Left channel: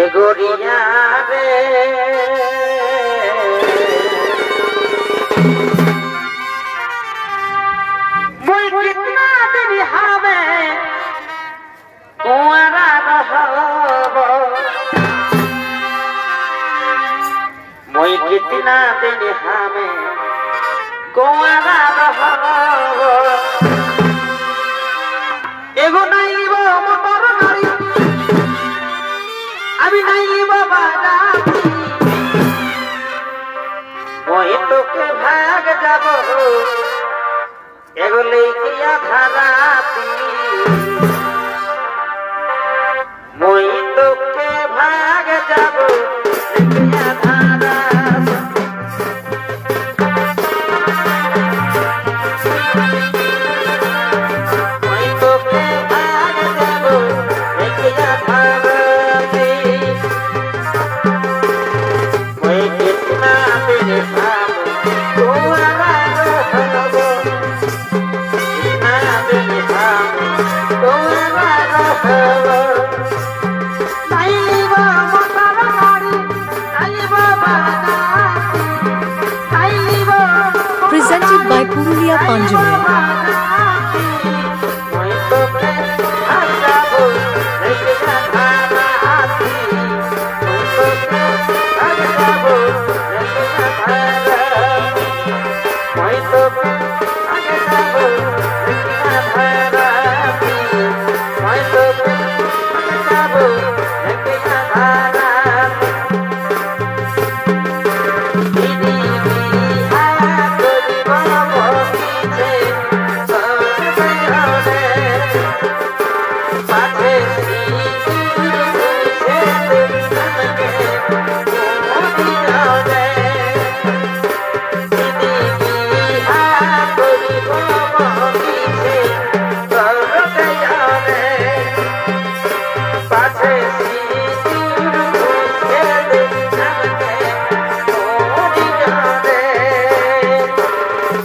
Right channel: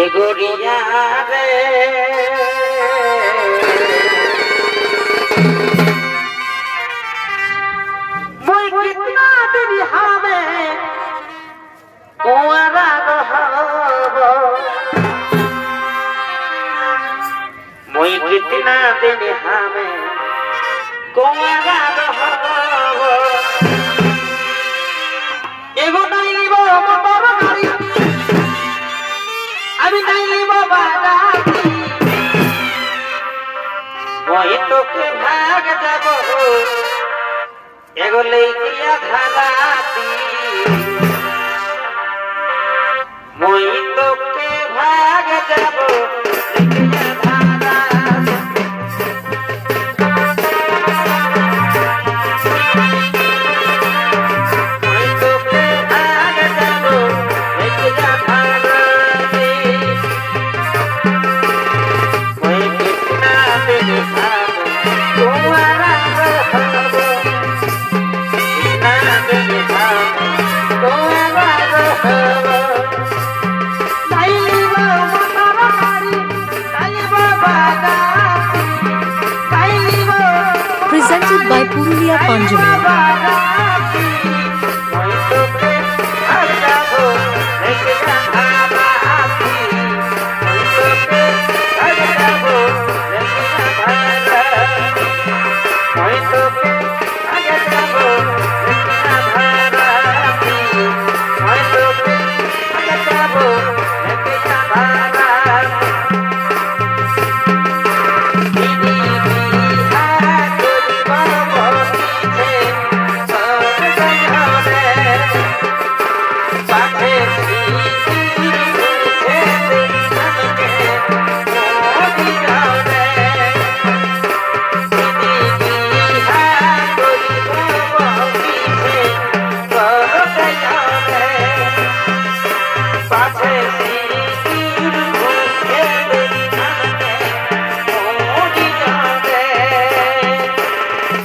एगोरिया रे मुई कितना दिन हमें कुंवारा रहब मुई कितना दिन हमें कुंवारा रहब एगो नहीं लिबो मोटर गाड़ी अभी नहीं लिबो बाराती वही तो के भाग जाबो एगो लइकिया धराती वही तो के भाग जाबो लइकिया धराती वही तो के भाग जाबो लइकिया धराती वही कितना दिन हम तुम्हारा रहब कितना दिन हम तुम्हारा रहब नहीं लिबो मोटर गाड़ी नहीं लिबो बाराती नहीं लिबो Presented by Purulia Panjami. वही तो के भाग जाबो लइकिया धराती वही तो के भाग जाबो लइकिया धराती वही तो के भाग जाबो लइकिया धराती वही तो के भाग जाबो लइकिया धराती दीदी बिहा करिब बसीछे सब गयो रे पाछे सिंदूर घुसे हमके मोदी जाओ रे दीदी बिहा करिब बसीछे सब गयो रे पाछे सिंदूर घुसे हमके मोदी जाओ रे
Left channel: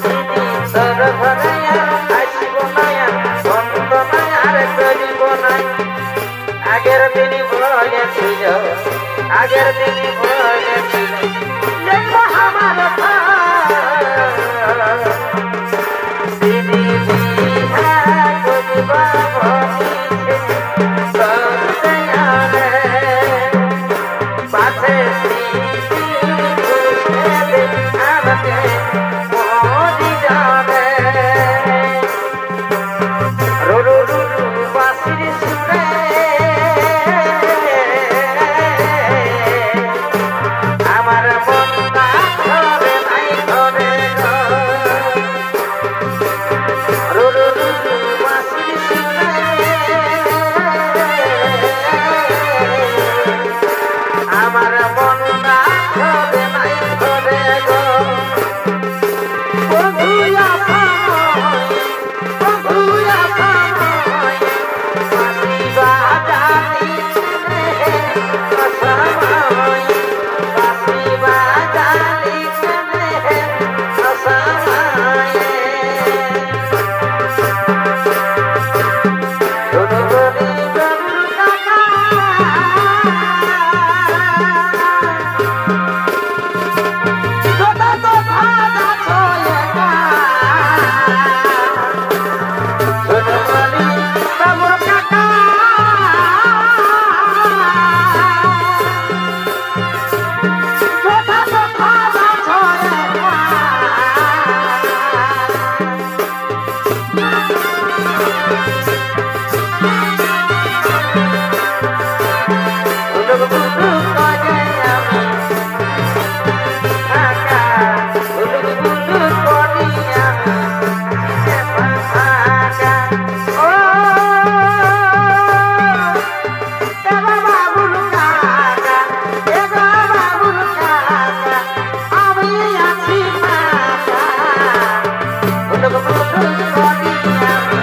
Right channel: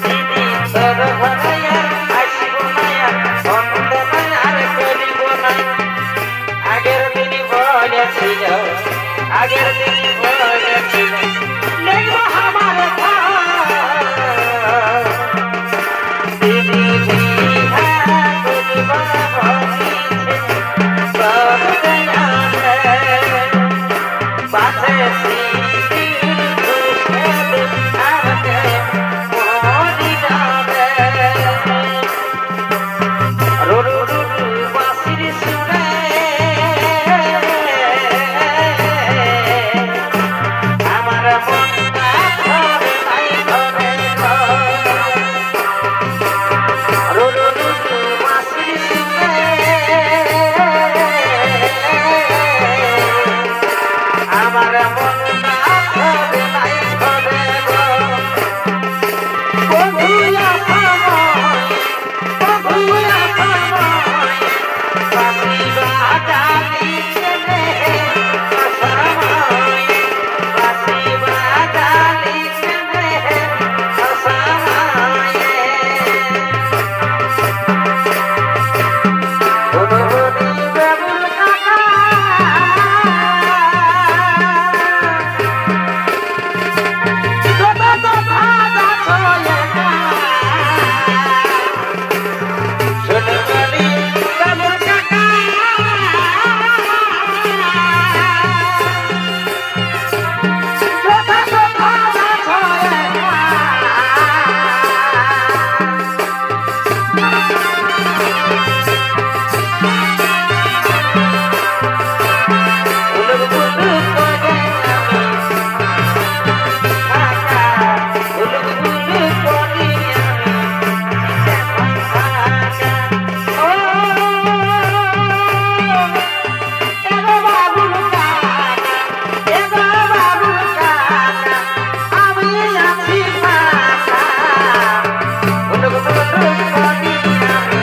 दीदी सरभनया आसिबो नया बंदना रे करिबो ना আগের দিন বলেছিল আগের দিন বলেছিল দেখব আমার দিদি বিহা করিব বসিছে সব জানে পাশে সিঁড়ি ঘুষে দে আমাকে মোদি জানে রু রু রু রু বাঁশির সুরে আমার মনটা ধরে নাই ধরে গো রু রু রু রু বাঁশির সুরে আমার মনটা ধরে নাই ধরে গো বন্ধুয়া পাময় বন্ধুয়া পাময় বাঁশি বাজালি কেনে অসময় বাঁশি বাজালি কেনে অসময় ধুনুবনি বাবুর কাকা যত কথা যাচ্ছে না ধুনুবনি বাবুর কাকা যত কথা যাচ্ছে না উলুক বুলুক করে আমি ঢাকা উলুক বুলুক করি আমি দিতে ভাষা ও এগো বাবুল কাকা এগো বাবুল কাকা আমি আছি ফাঁকা উলুক বুলুক করি আমি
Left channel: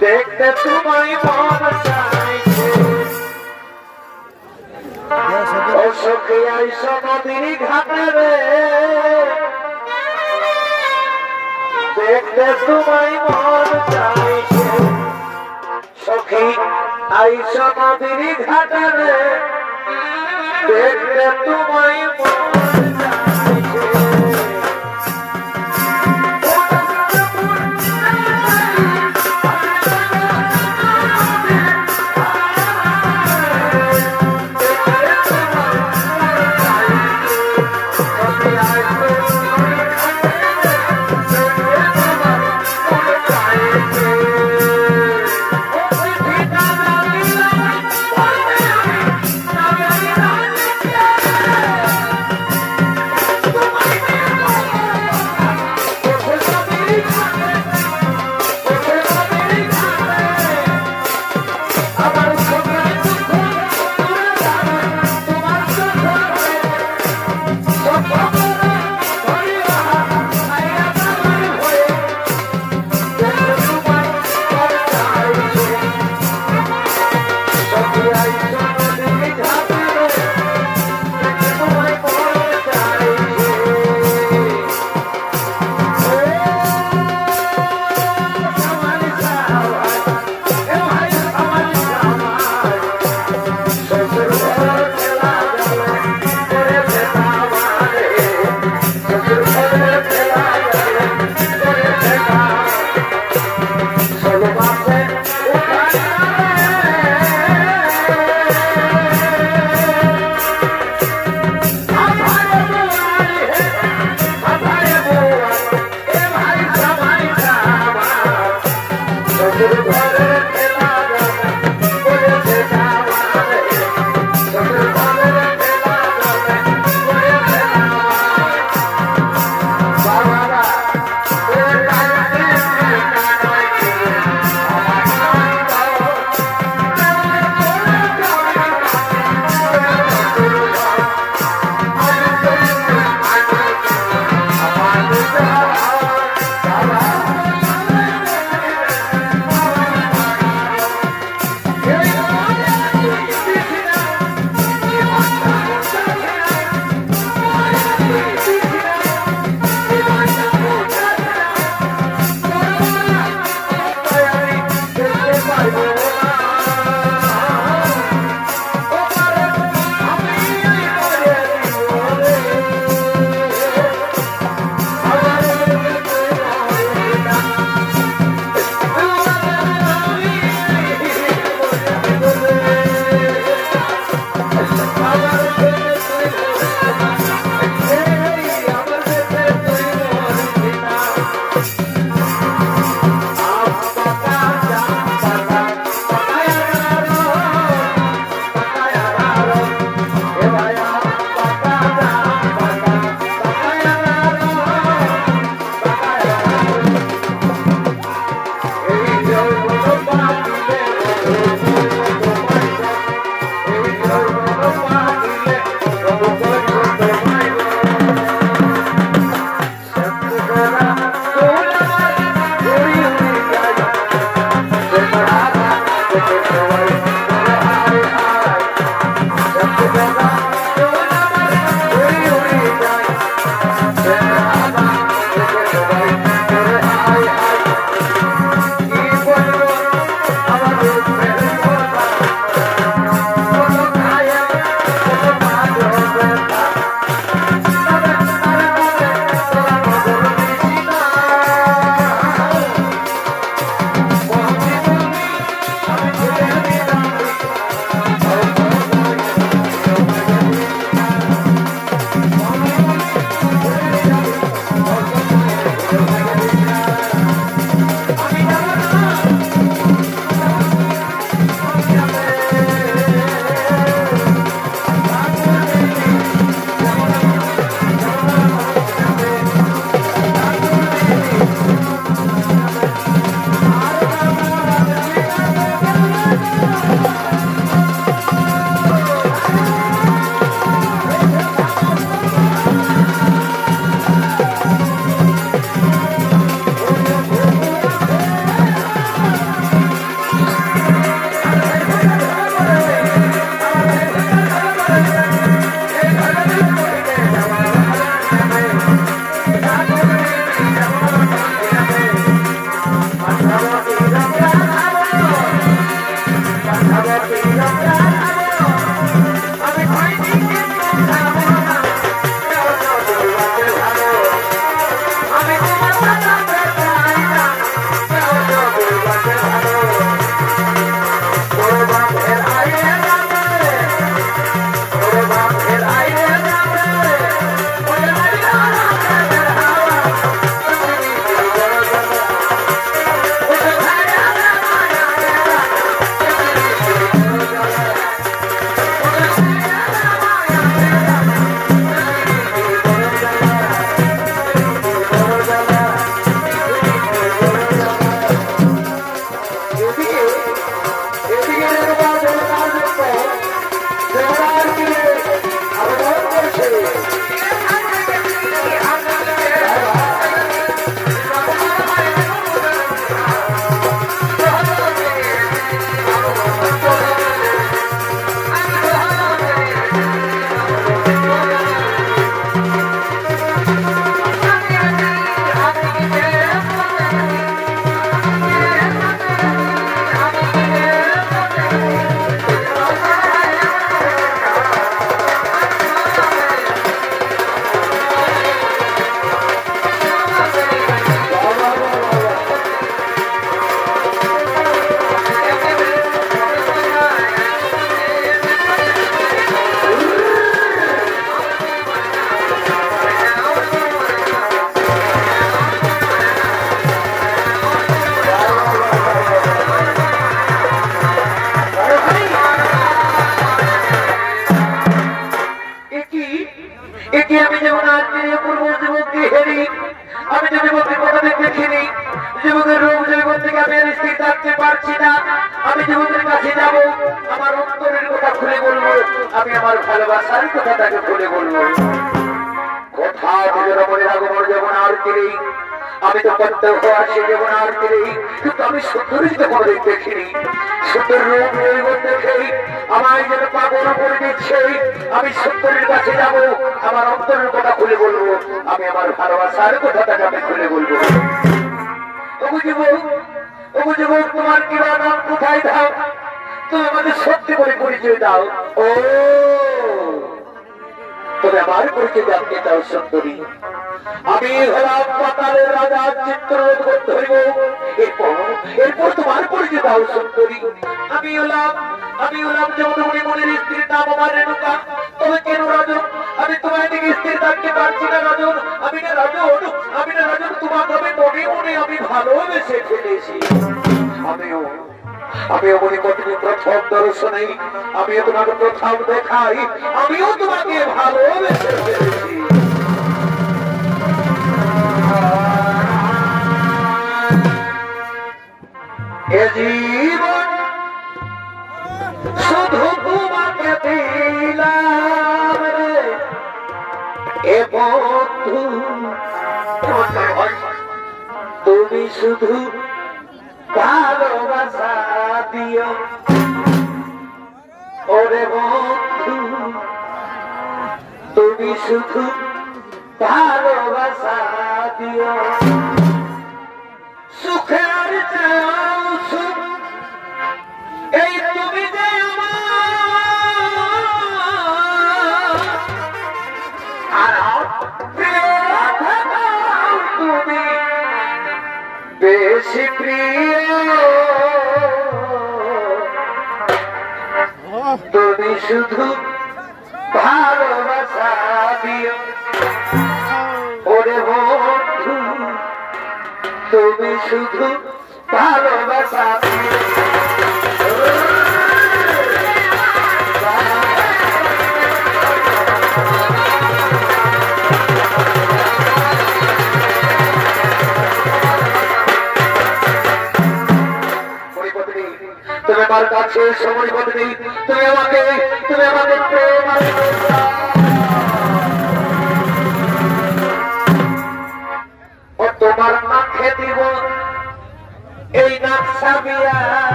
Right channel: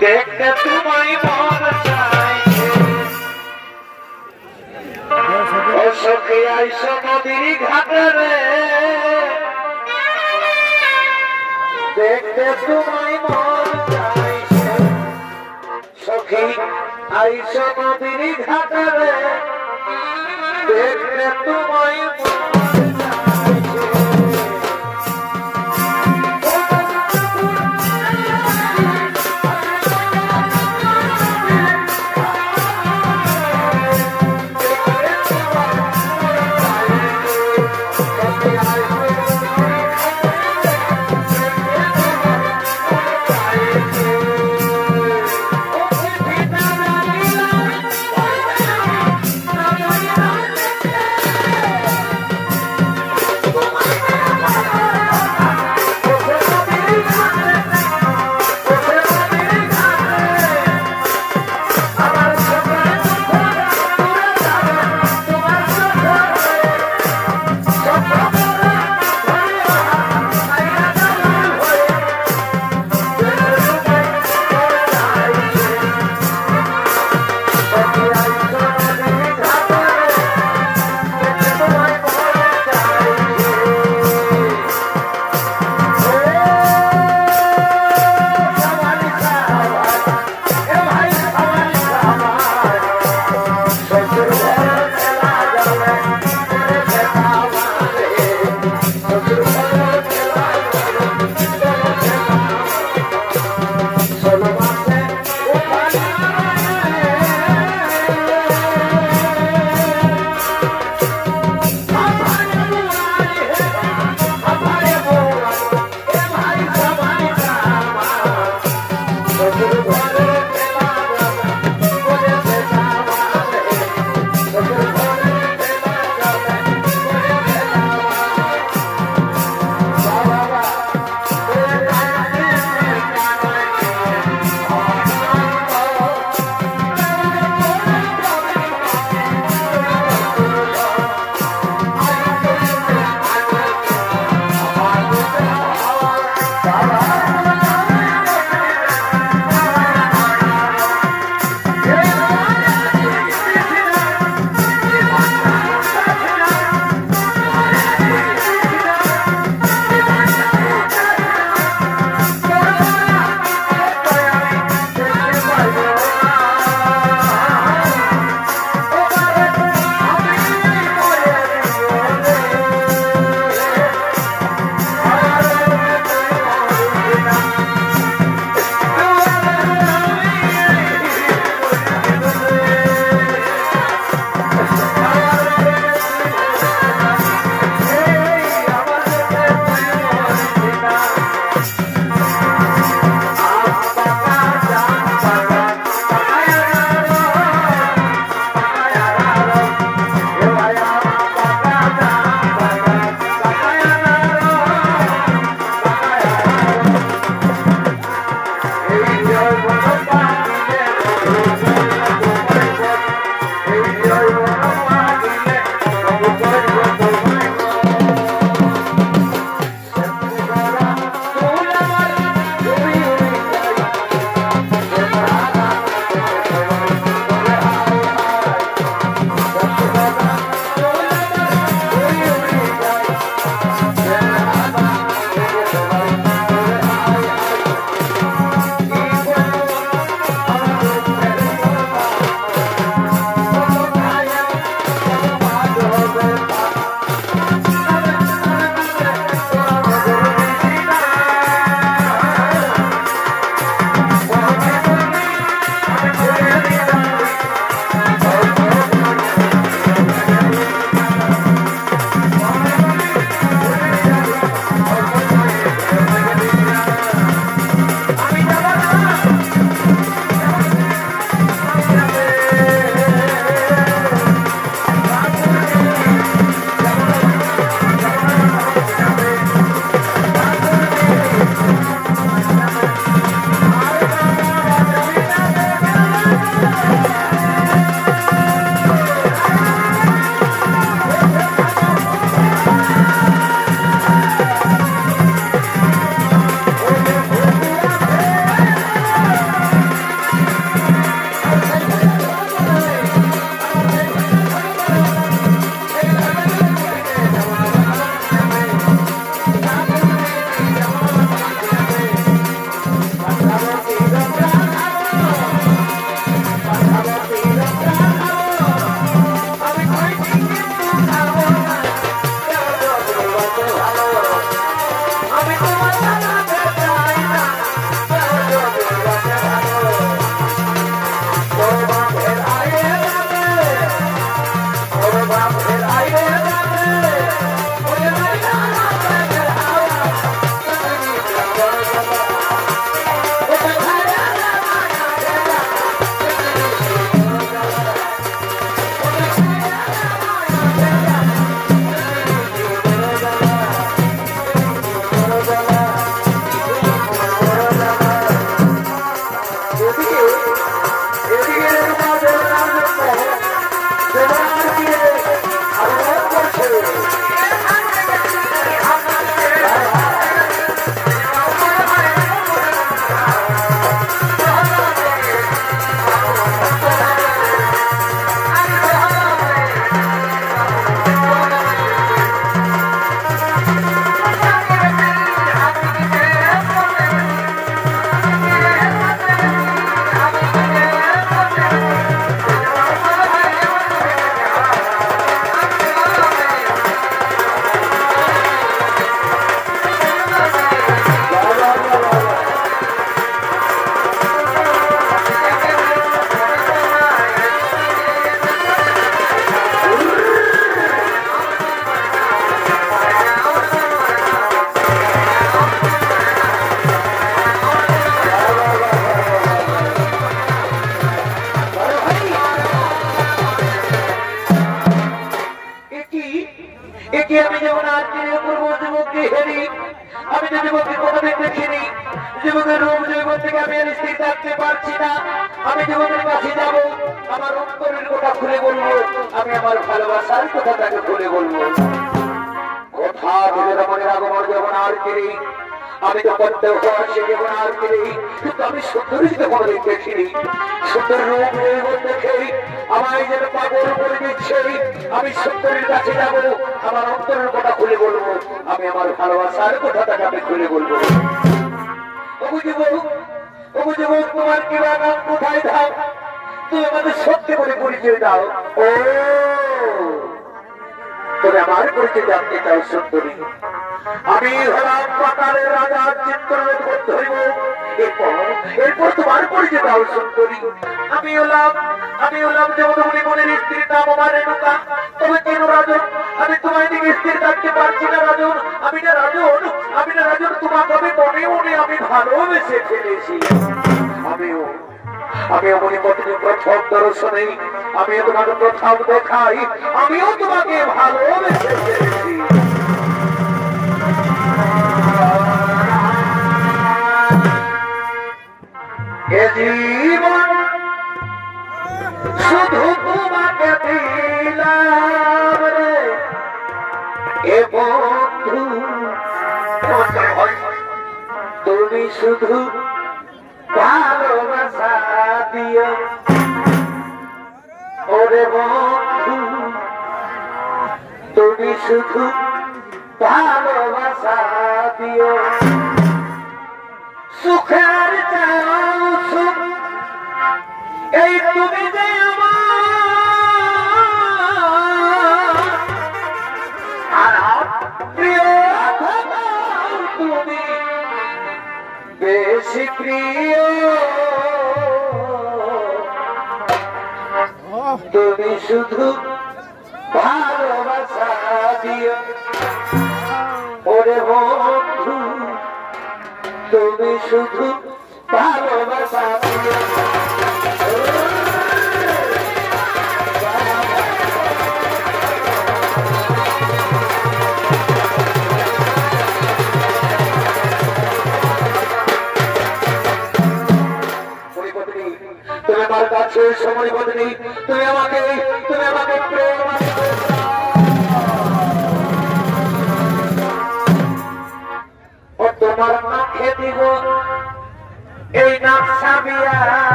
देखते तुम्हारी मौत सखी ऐसा नदी घाटे रे देखते तुम्हारी मौत सखी ऐसा नदी घाटे रे देखते तुम्हारी मौत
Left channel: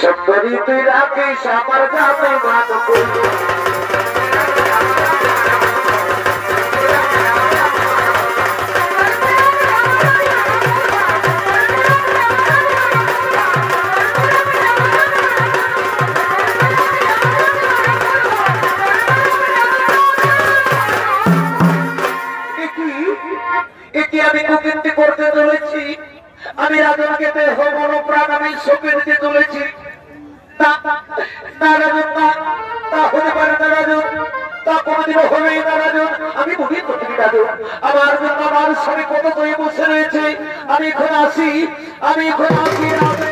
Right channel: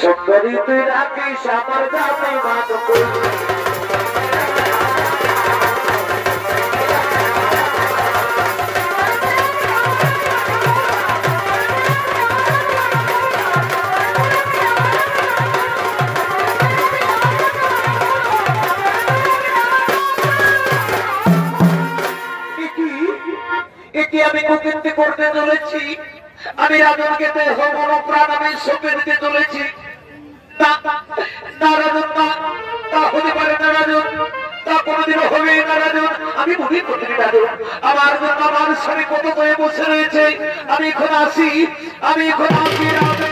সুন্দরী তুই রাখিস আমার জামাই মান কই আমি কুকীর্তি করতে চলেছি আমি রাজনকে হবন প্রাণ আমি সঁপে দিতে চলেছি তা রাজন তা হতে পারে না রাজন তা কোনোদিনও হবে না রাজন আমি মনে করি রাজন আমার জন্য আমার স্বামী কত করে বসে রয়েছে আমি এখন আসি রাজন